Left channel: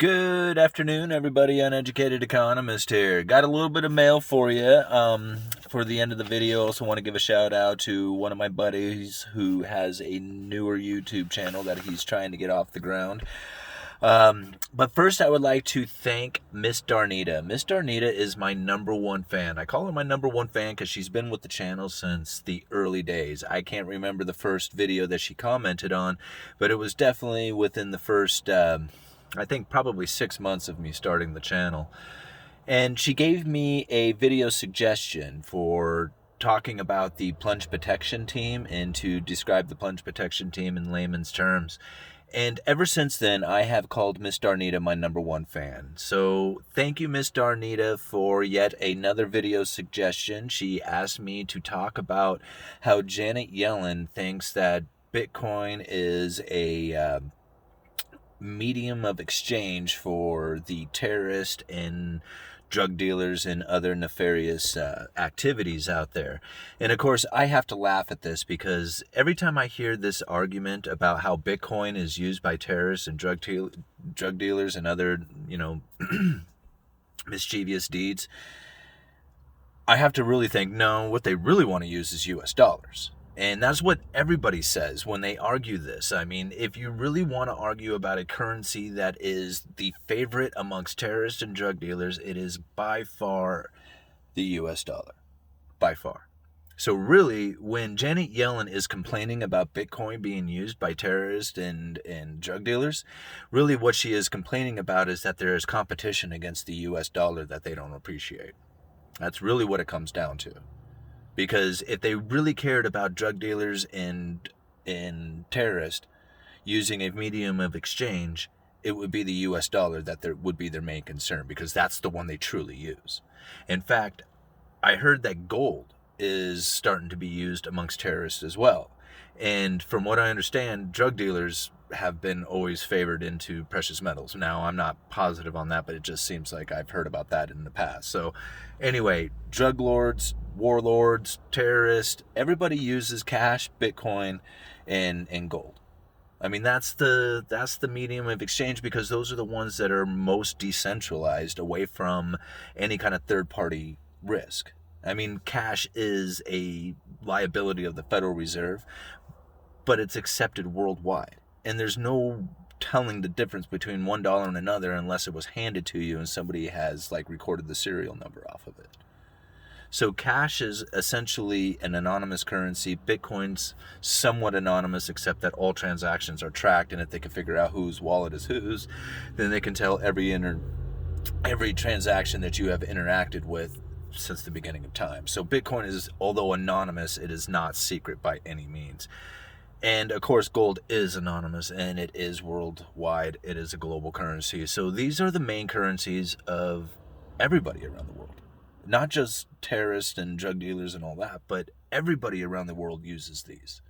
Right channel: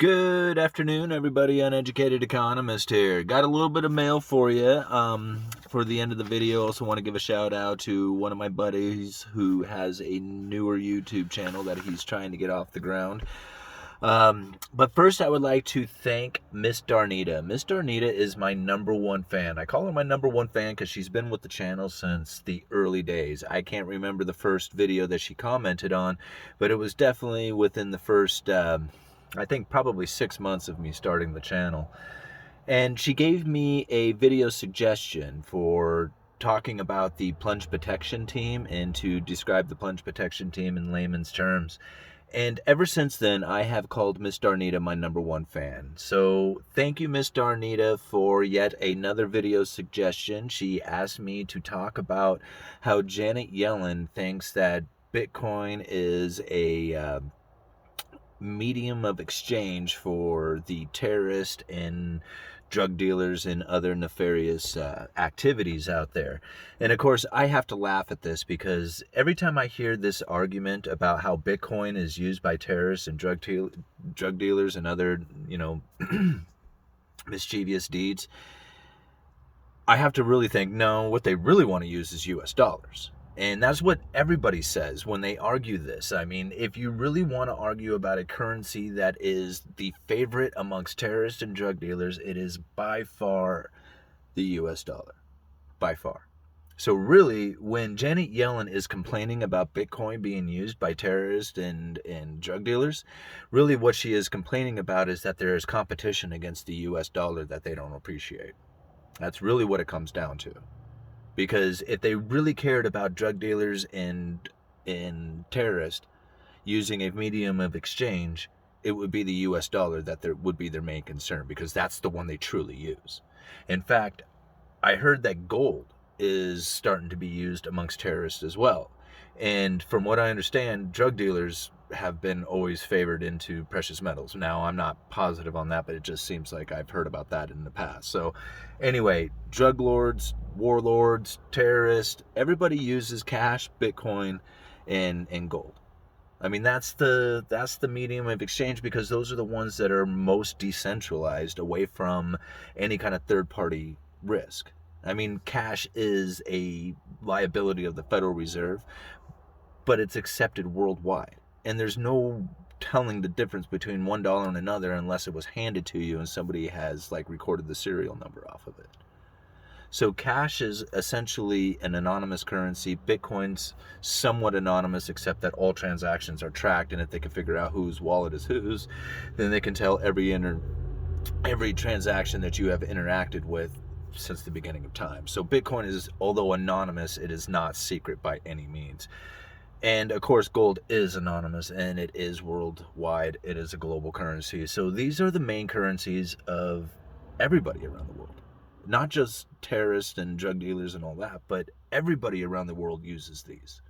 Good afternoon, everybody. Uneducated Economist here. Got a little bit of mail for you. For the end of the video, also want to give a shout out to one of my buddies who has a newer YouTube channel that he's trying to get off the ground. But first, I would like to thank Miss Darnita. Miss Darnita is my #1 fan. I call her my #1 fan because she's been with the channel since the early days. I can't remember the first video that she commented on, but it was definitely within the first, I think probably 6 months of me starting the channel. And she gave me a video suggestion for talking about the plunge protection team and to describe the plunge protection team in layman's terms. And ever since then, I have called Miss Darnita my #1 fan. So thank you, Miss Darnita, for yet another video suggestion. She asked me to talk about how Janet Yellen thinks that Bitcoin is a medium of exchange for the terrorist and drug dealers and other nefarious activities out there. And of course, I have to laugh at this because every time I hear this argument about how Bitcoin is used by terrorists and drug dealers and other, mischievous deeds, I have to really think, no, what they really want to use is US dollars. And that's what everybody says when they argue this. I mean, if you really want to argue about a currency that is the favorite amongst terrorists and drug dealers, it is by far the US dollar. By far. So really, when Janet Yellen is complaining about Bitcoin being used by terrorists and drug dealers, really what she is complaining about is that there is competition against the US dollar that they don't appreciate. That's really what it comes down to. Because if they really cared about drug dealers and terrorists using a medium of exchange, it would be the US dollar that would be their main concern, because that's the one they truly use. In fact, I heard that gold is starting to be used amongst terrorists as well. And from what I understand, drug dealers have been always favored into precious metals. Now, I'm not positive on that, but it just seems like I've heard about that in the past. So anyway, drug lords, warlords, terrorists, everybody uses cash, Bitcoin, and gold. I mean, that's the medium of exchange, because those are the ones that are most decentralized, away from any kind of third-party risk. I mean, cash is a liability of the Federal Reserve, but it's accepted worldwide. And there's no telling the difference between $1 and another unless it was handed to you and somebody has recorded the serial number off of it. So cash is essentially an anonymous currency. Bitcoin's somewhat anonymous, except that all transactions are tracked, and if they can figure out whose wallet is whose, then they can tell every transaction that you have interacted with since the beginning of time. So Bitcoin is, although anonymous, it is not secret by any means. And of course, gold is anonymous, and it is worldwide. It is a global currency. So these are the main currencies of everybody around the world. Not just terrorists and drug dealers and all that, but everybody around the world uses these.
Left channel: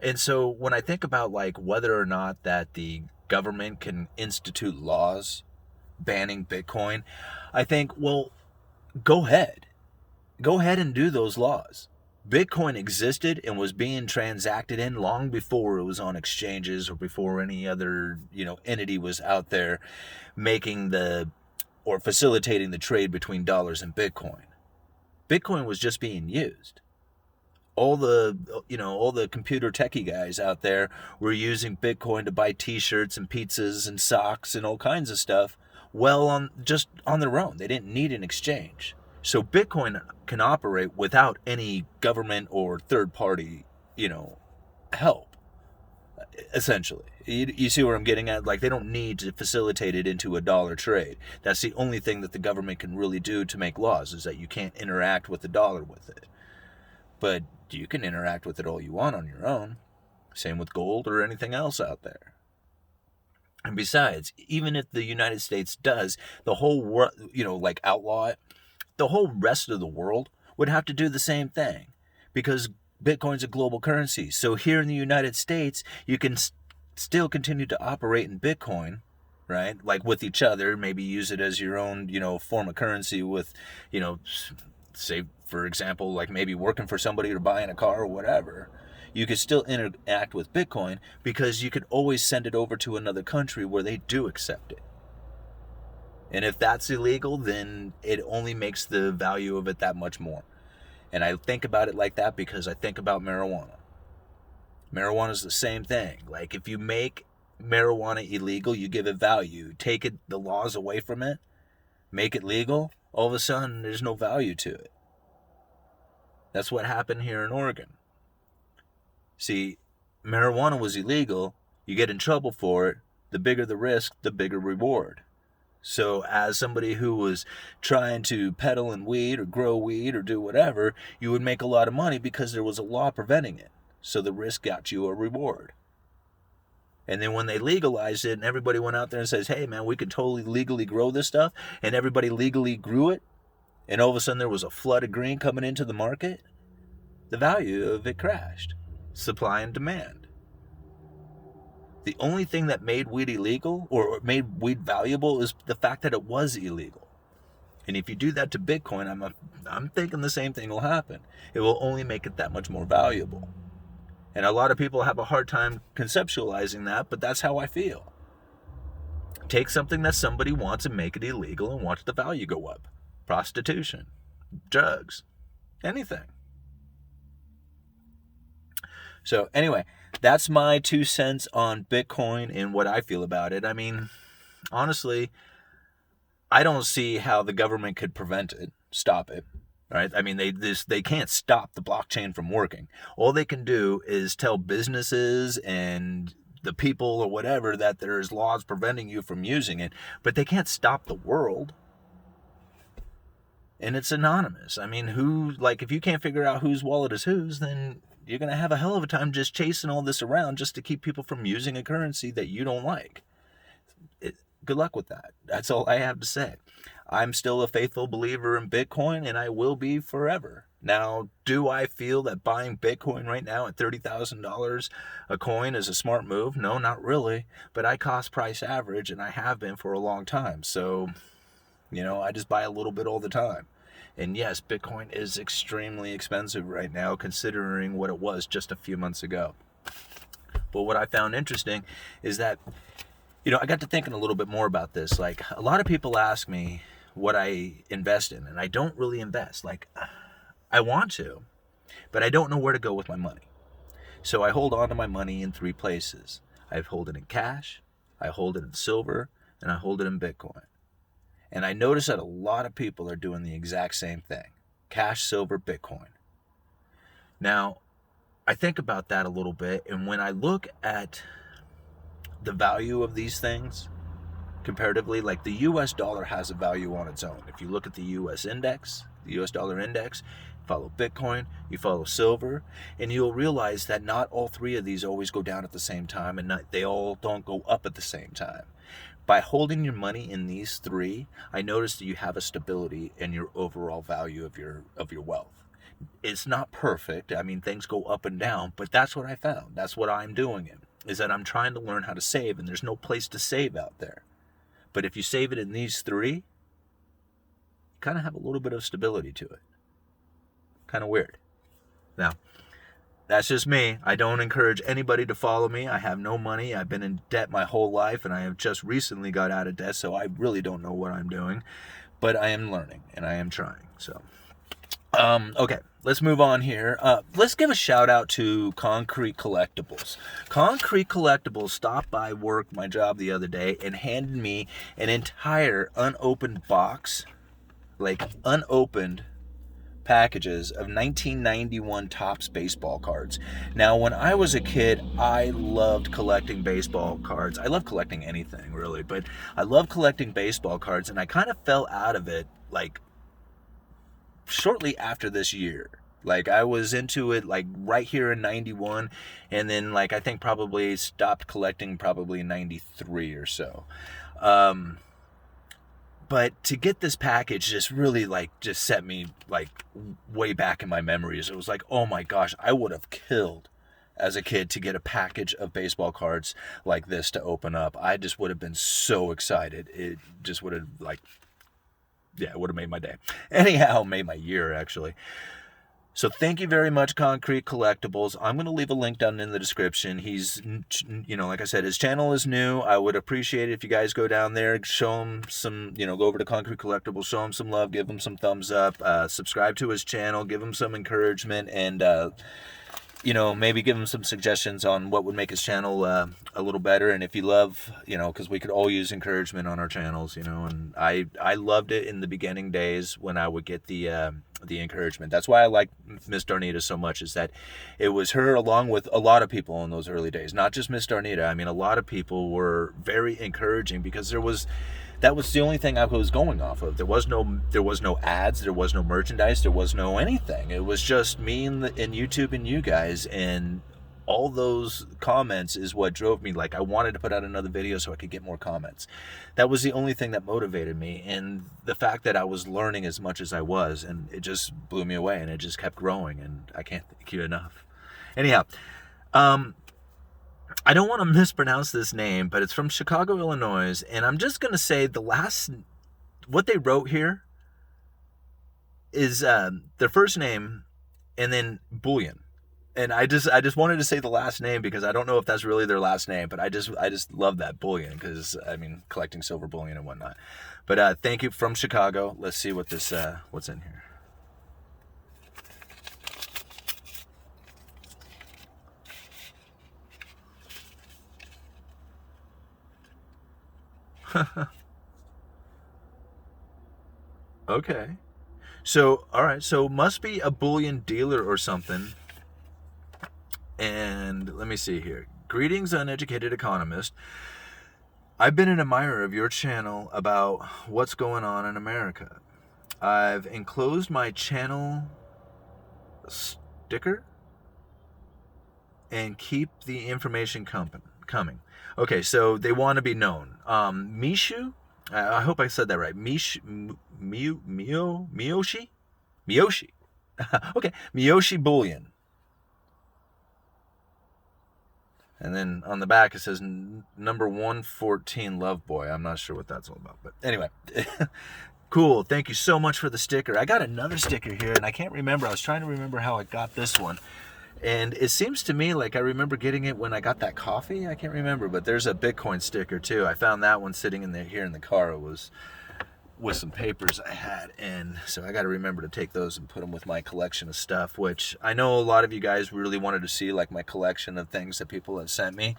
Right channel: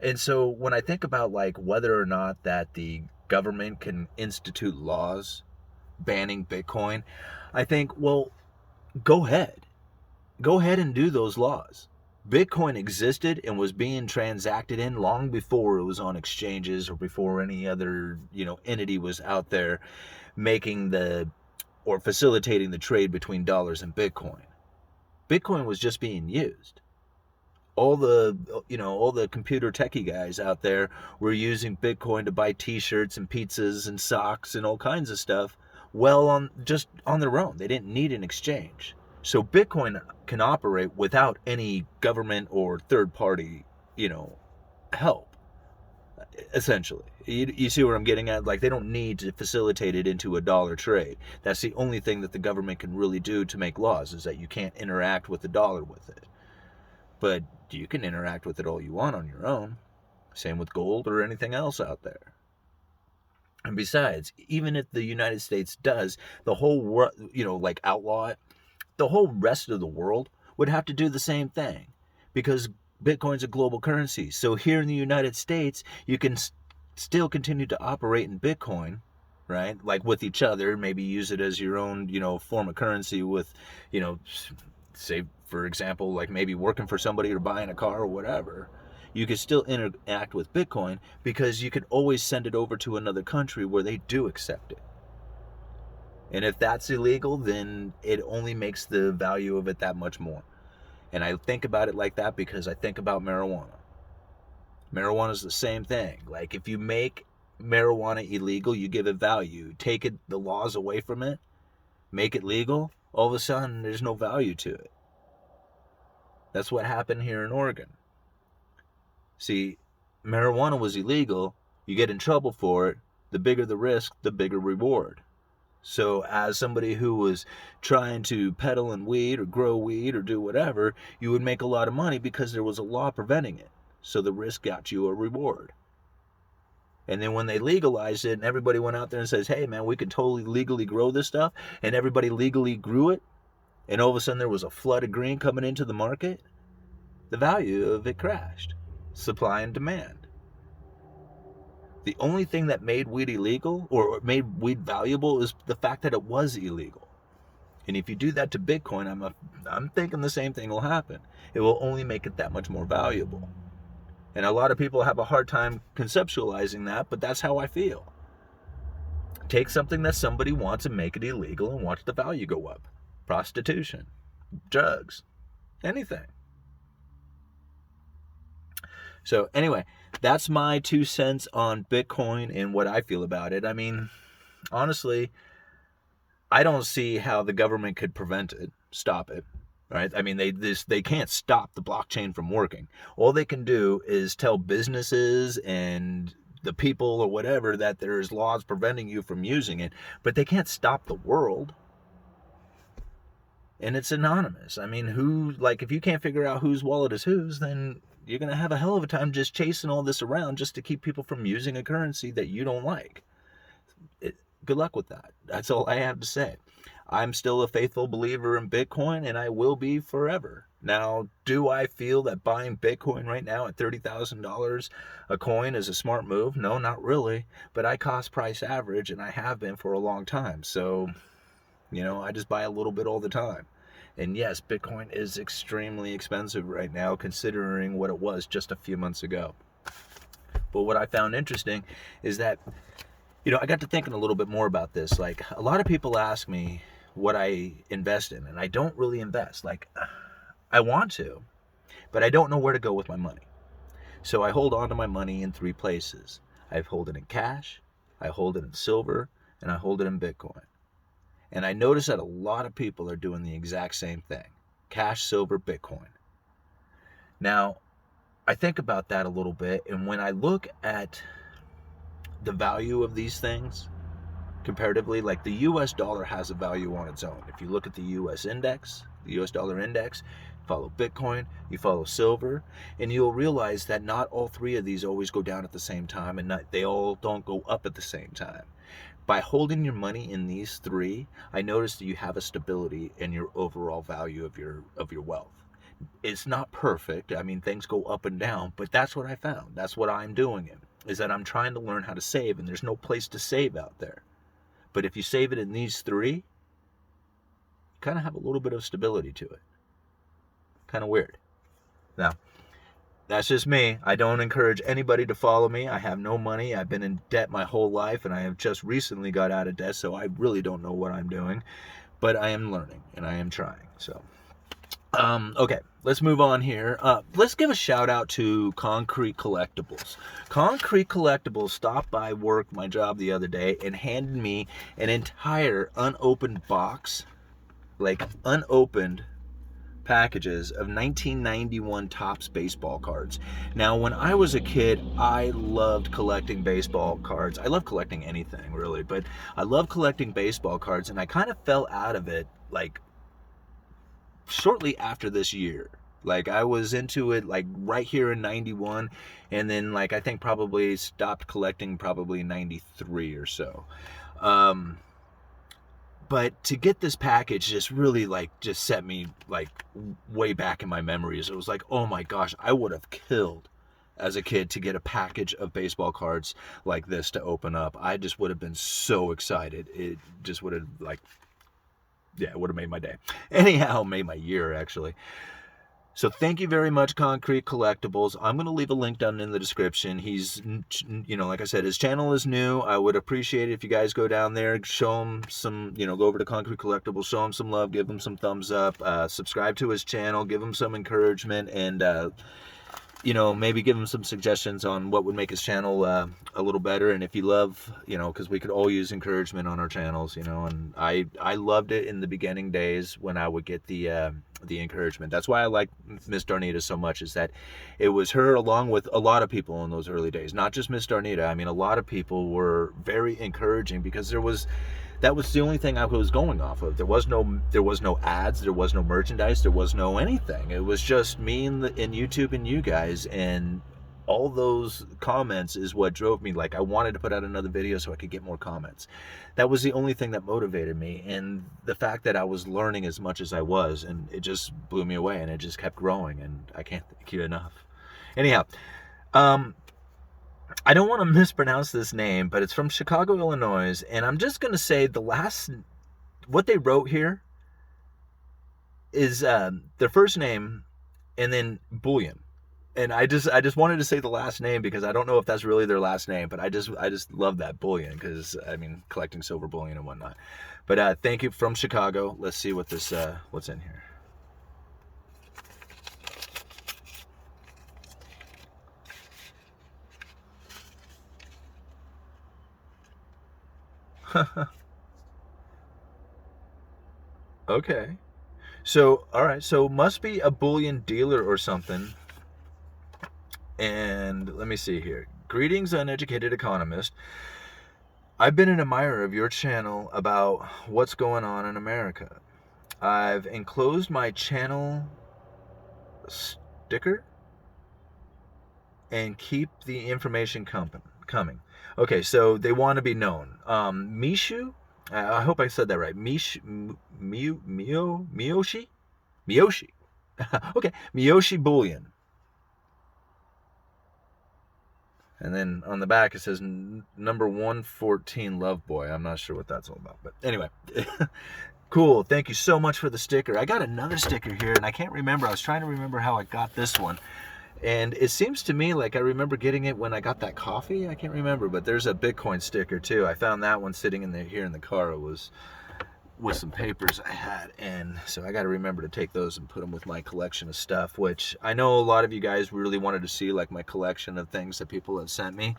And so when I think about whether or not that the government can institute laws banning Bitcoin, I think, well, go ahead and do those laws. Bitcoin existed and was being transacted in long before it was on exchanges or before any other, entity was out there making or facilitating the trade between dollars and Bitcoin. Bitcoin was just being used. All the computer techie guys out there were using Bitcoin to buy t-shirts and pizzas and socks and all kinds of stuff, just on their own. They didn't need an exchange. So Bitcoin can operate without any government or third-party, help, essentially. You see where I'm getting at? They don't need to facilitate it into a dollar trade. That's the only thing that the government can really do to make laws, is that you can't interact with the dollar with it. But you can interact with it all you want on your own. Same with gold or anything else out there. And besides, even if the United States does the whole world, outlaw it, the whole rest of the world would have to do the same thing, because Bitcoin's a global currency. So here in the United States, you can still continue to operate in Bitcoin, right? With each other, maybe use it as your own, form of currency with, say, for example, maybe working for somebody or buying a car or whatever. You could still interact with Bitcoin, because you could always send it over to another country where they do accept it. And if that's illegal, then it only makes the value of it that much more. And I think about it like that because I think about marijuana. Marijuana is the same thing. Like, if you make marijuana illegal, you give it value. Take the laws away from it, make it legal, all of a sudden there's no value to it. That's what happened here in Oregon. See, marijuana was illegal. You get in trouble for it. The bigger the risk, the bigger reward. So as somebody who was trying to peddle in weed or grow weed or do whatever, you would make a lot of money because there was a law preventing it. So the risk got you a reward. And then when they legalized it and everybody went out there and says, hey man, we can totally legally grow this stuff, and everybody legally grew it, and all of a sudden there was a flood of green coming into the market, the value of it crashed. Supply and demand. The only thing that made weed illegal or made weed valuable is the fact that it was illegal. And if you do that to Bitcoin, I'm thinking the same thing will happen. It will only make it that much more valuable. And a lot of people have a hard time conceptualizing that, but that's how I feel. Take something that somebody wants and make it illegal and watch the value go up. Prostitution, drugs, anything. So anyway, that's my 2 cents on Bitcoin and what I feel about it. I mean, honestly, I don't see how the government could prevent it, stop it. Right? I mean, they can't stop the blockchain from working. All they can do is tell businesses and the people or whatever that there's laws preventing you from using it, but they can't stop the world. And it's anonymous. I mean, if you can't figure out whose wallet is whose, then you're going to have a hell of a time just chasing all this around just to keep people from using a currency that you don't like. Good luck with that. That's all I have to say. I'm still a faithful believer in Bitcoin, and I will be forever. Now, do I feel that buying Bitcoin right now at $30,000 a coin is a smart move? No, not really. But I cost price average, and I have been for a long time. So, I just buy a little bit all the time. And yes, Bitcoin is extremely expensive right now, considering what it was just a few months ago. But what I found interesting is that, I got to thinking a little bit more about this. Like, a lot of people ask me what I invest in, and I don't really invest. Like, I want to, but I don't know where to go with my money. So I hold on to my money in 3 places. I hold it in cash, I hold it in silver, and I hold it in Bitcoin. And I notice that a lot of people are doing the exact same thing. Cash, silver, Bitcoin. Now, I think about that a little bit, and when I look at the value of these things, comparatively, like the US dollar has a value on its own. If you look at the US index, the US dollar index, follow Bitcoin, you follow silver, and you'll realize that not all 3 of these always go down at the same time, and they all don't go up at the same time. By holding your money in these 3, I noticed that you have a stability in your overall value of your wealth. It's not perfect. I mean, things go up and down, but that's what I found. That's what I'm doing is that I'm trying to learn how to save, and there's no place to save out there. But if you save it in these 3, you kind of have a little bit of stability to it. Kind of weird. Now, that's just me. I don't encourage anybody to follow me. I have no money. I've been in debt my whole life, and I have just recently got out of debt, so I really don't know what I'm doing. But I am learning, and I am trying. So, okay, let's move on here. Let's give a shout out to Concrete Collectibles. Concrete Collectibles stopped by work, my job, the other day, and handed me an entire unopened box, like unopened packages of 1991 Topps baseball cards. Now, when I was a kid, I loved collecting baseball cards. I love collecting anything, really, but I love collecting baseball cards, and I kind of fell out of it, like, shortly after this year. Like, I was into it, like, right here in 91, and then, like, I think probably stopped collecting probably in 93 or so. But to get this package just really, like, just set me, like, way back in my memories. It was like, oh my gosh, I would have killed as a kid to get a package of baseball cards like this to open up. I just would have been so excited. It just would have, like, yeah, it would have made my day. Anyhow, made my year, actually. So thank you very much, Concrete Collectibles. I'm going to leave a link down in the description. He's, like I said, his channel is new. I would appreciate it if you guys go down there, show him some, go over to Concrete Collectibles, show him some love, give him some thumbs up, subscribe to his channel, give him some encouragement, and maybe give him some suggestions on what would make his channel a little better. And if you love, because we could all use encouragement on our channels, and I loved it in the beginning days when I would get the encouragement. That's why I like Miss Darnita so much, is that it was her along with a lot of people in those early days, not just Miss Darnita. I mean, a lot of people were very encouraging because that was the only thing I was going off of. There was no ads, there was no merchandise, there was no anything. It was just me and YouTube and you guys, and all those comments is what drove me. Like, I wanted to put out another video so I could get more comments. That was the only thing that motivated me, and the fact that I was learning as much as I was, and it just blew me away, and it just kept growing, and I can't thank you enough. Anyhow, I don't want to mispronounce this name, but it's from Chicago, Illinois, and I'm just going to say what they wrote here is their first name and then Bullion. And I just wanted to say the last name because I don't know if that's really their last name, but I just love that bullion because, I mean, collecting silver bullion and whatnot. But thank you, from Chicago. Let's see what what's in here. Okay. So, all right. So must be a bullion dealer or something. And let me see here. Greetings, Uneducated Economist. I've been an admirer of your channel about what's going on in America. I've enclosed my channel sticker and keep the information coming. Okay, so they want to be known. Mishu, I hope I said that right. Miyoshi? Miyoshi. Okay, Miyoshi Bullion. And then on the back it says number 114 Love Boy. I'm not sure what that's all about, but anyway. Cool. Thank you so much for the sticker. I got another sticker here, and I can't remember. I was trying to remember how I got this one. And it seems to me like I remember getting it when I got that coffee. I can't remember, but there's a Bitcoin sticker too. I found that one sitting here in the car. It was with some papers I had, and so I got to remember to take those and put them with my collection of stuff, which I know a lot of you guys really wanted to see, like my collection of things that people have sent me.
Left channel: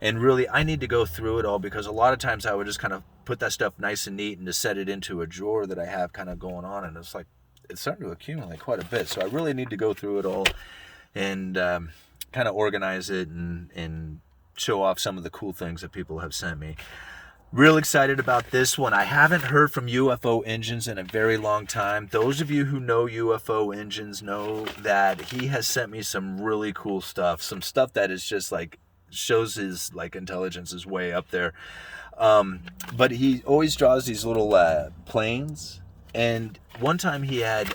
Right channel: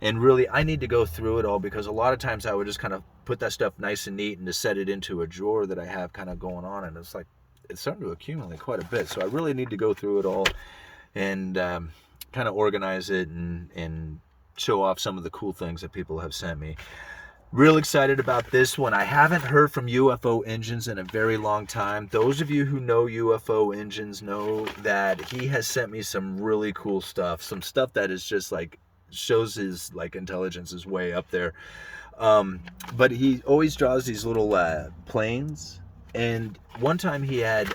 And really, I need to go through it all, because a lot of times I would just kind of put that stuff nice and neat and just set it into a drawer that I have kind of going on, and it's like it's starting to accumulate quite a bit. So I really need to go through it all and kind of organize it and show off some of the cool things that people have sent me. Real excited about this one. I haven't heard from UFO Engines in a very long time. Those of you who know UFO Engines know that he has sent me some really cool stuff. Some stuff that is just like shows his like intelligence is way up there. But he always draws these little planes. And one time he had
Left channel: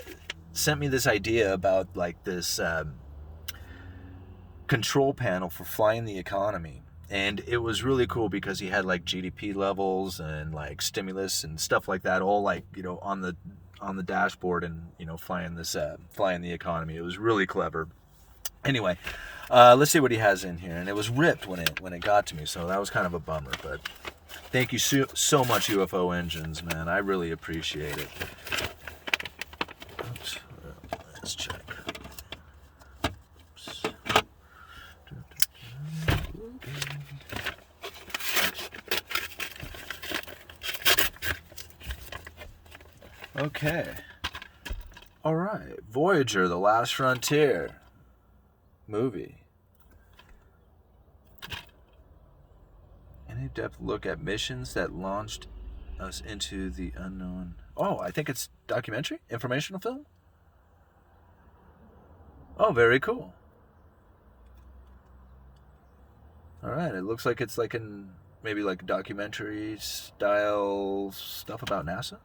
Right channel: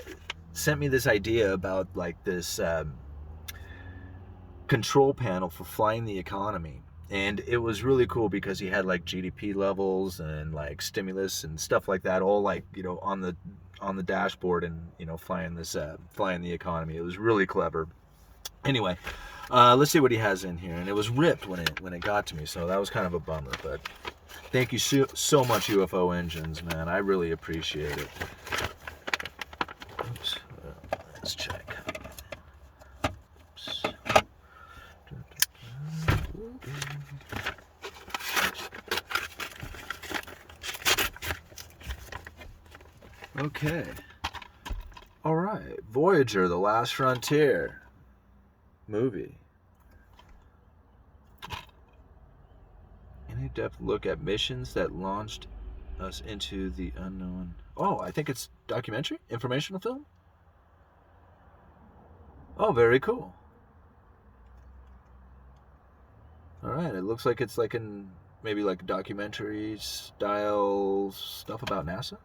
sent me this idea about like this control panel for flying the economy. And it was really cool because he had like GDP levels and like stimulus and stuff like that, all like, on the dashboard, and, flying the economy. It was really clever. Anyway, let's see what he has in here. And it was ripped when it got to me, so that was kind of a bummer. But thank you so much, UFO Engines, man. I really appreciate it. Oops. Let's check. Okay. All right. Voyager, The Last Frontier movie. An in-depth look at missions that launched us into the unknown. Oh, I think it's documentary? Informational film? Oh, very cool. All right. It looks like it's like maybe like documentary style stuff about NASA.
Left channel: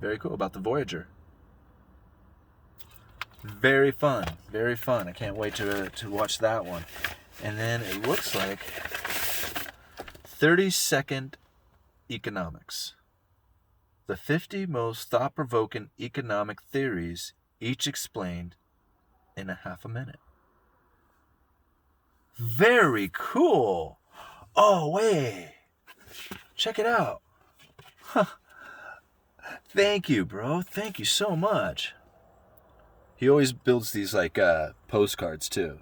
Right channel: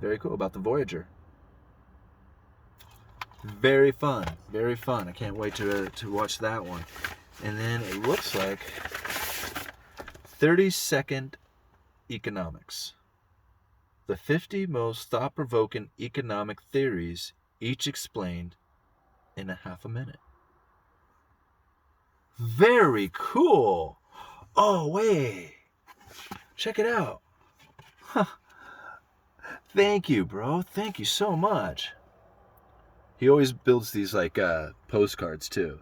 Very cool, about the Voyager. Very fun, very fun. I can't wait to watch that one. And then it looks like 30-second economics. The 50 most thought-provoking economic theories each explained in a half a minute. Very cool. Oh, wait. Check it out. Huh. Thank you, bro. Thank you so much. He always builds these like postcards too.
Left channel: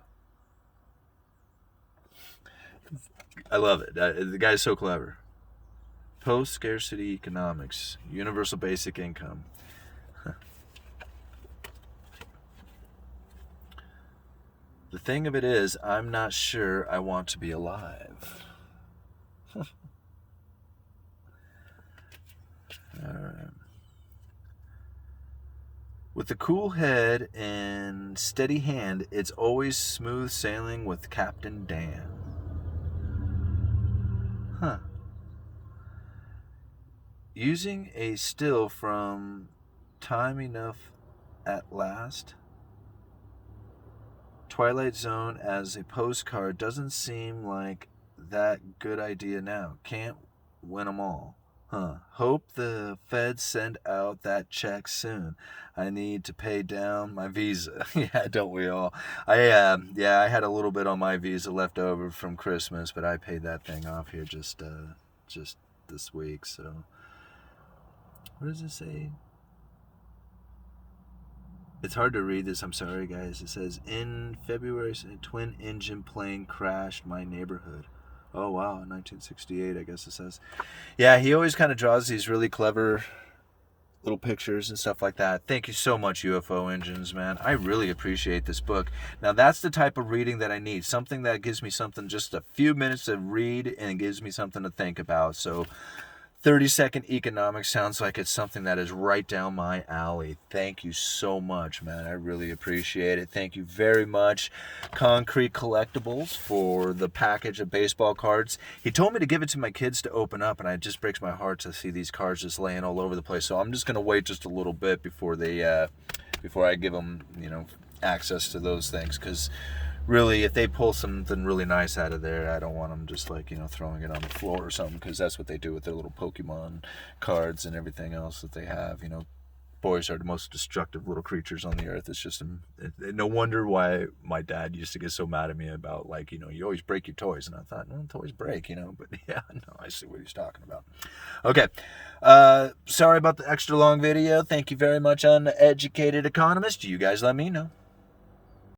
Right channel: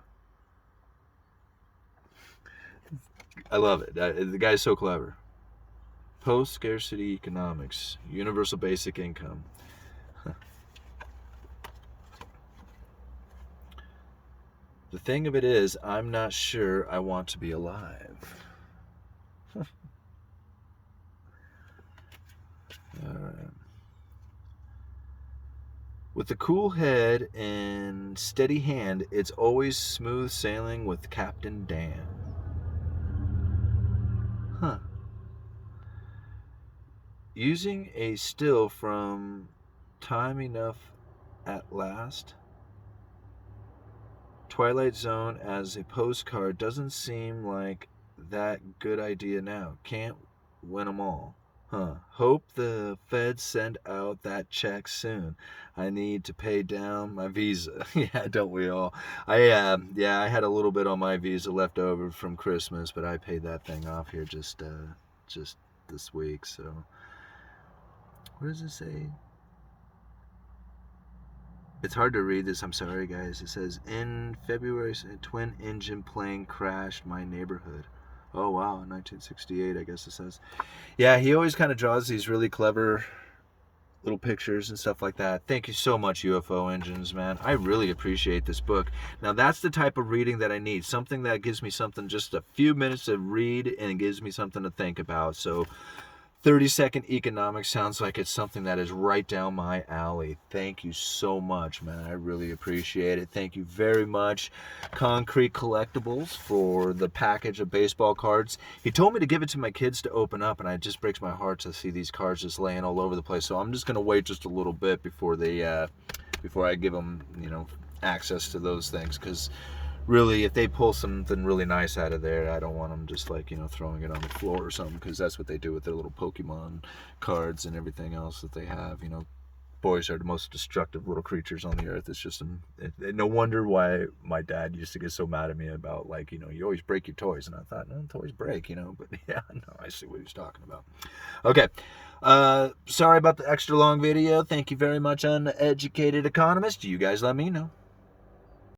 I love it. The guy's so clever. Post-scarcity economics, universal basic income. The thing of it is, I'm not sure I want to be alive. All right. With a cool head and steady hand, it's always smooth sailing with Captain Dan. Huh. Using a still from Time Enough at Last, Twilight Zone as a postcard doesn't seem like that good idea now. Can't win them all. Huh. Hope the feds send out that check soon. I need to pay down my Visa. Yeah, don't we all? I had a little bit on my Visa left over from Christmas, but I paid that thing off here just this week. So, what does it say? It's hard to read this. I'm sorry, guys. It says, in February, a twin-engine plane crashed my neighborhood. Oh, wow. 1968, I guess it says. Yeah, he always kind of draws these really clever little pictures and stuff like that. Thank you so much, UFO Engines, man. I really appreciate this book. Now, that's the type of reading that I need. Something that gives me something, just a few minutes to read, and gives me something to think about. So 30-second economics sounds like it's something that is right down my alley. Thank you so much, man. I really appreciate it. Thank you very much, Concrete Collectibles, for the package of baseball cards. He told me to give it to my kids to open up, and it just breaks my heart to see these cards just laying all over the place. So I'm just going to wait just a little bit before I give them, access to those things, because really, if they pull something really nice out of there, I don't want them just throwing it on the floor or something, because that's what they do with their little Pokemon cards and everything else that they have. Boys are the most destructive little creatures on the earth. It's just no wonder why my dad used to get so mad at me about you always break your toys, and I thought, well, toys break, but yeah, no, I see what he's talking about. Okay, sorry about the extra long video. Thank you very much, Uneducated Economist. You guys let me know.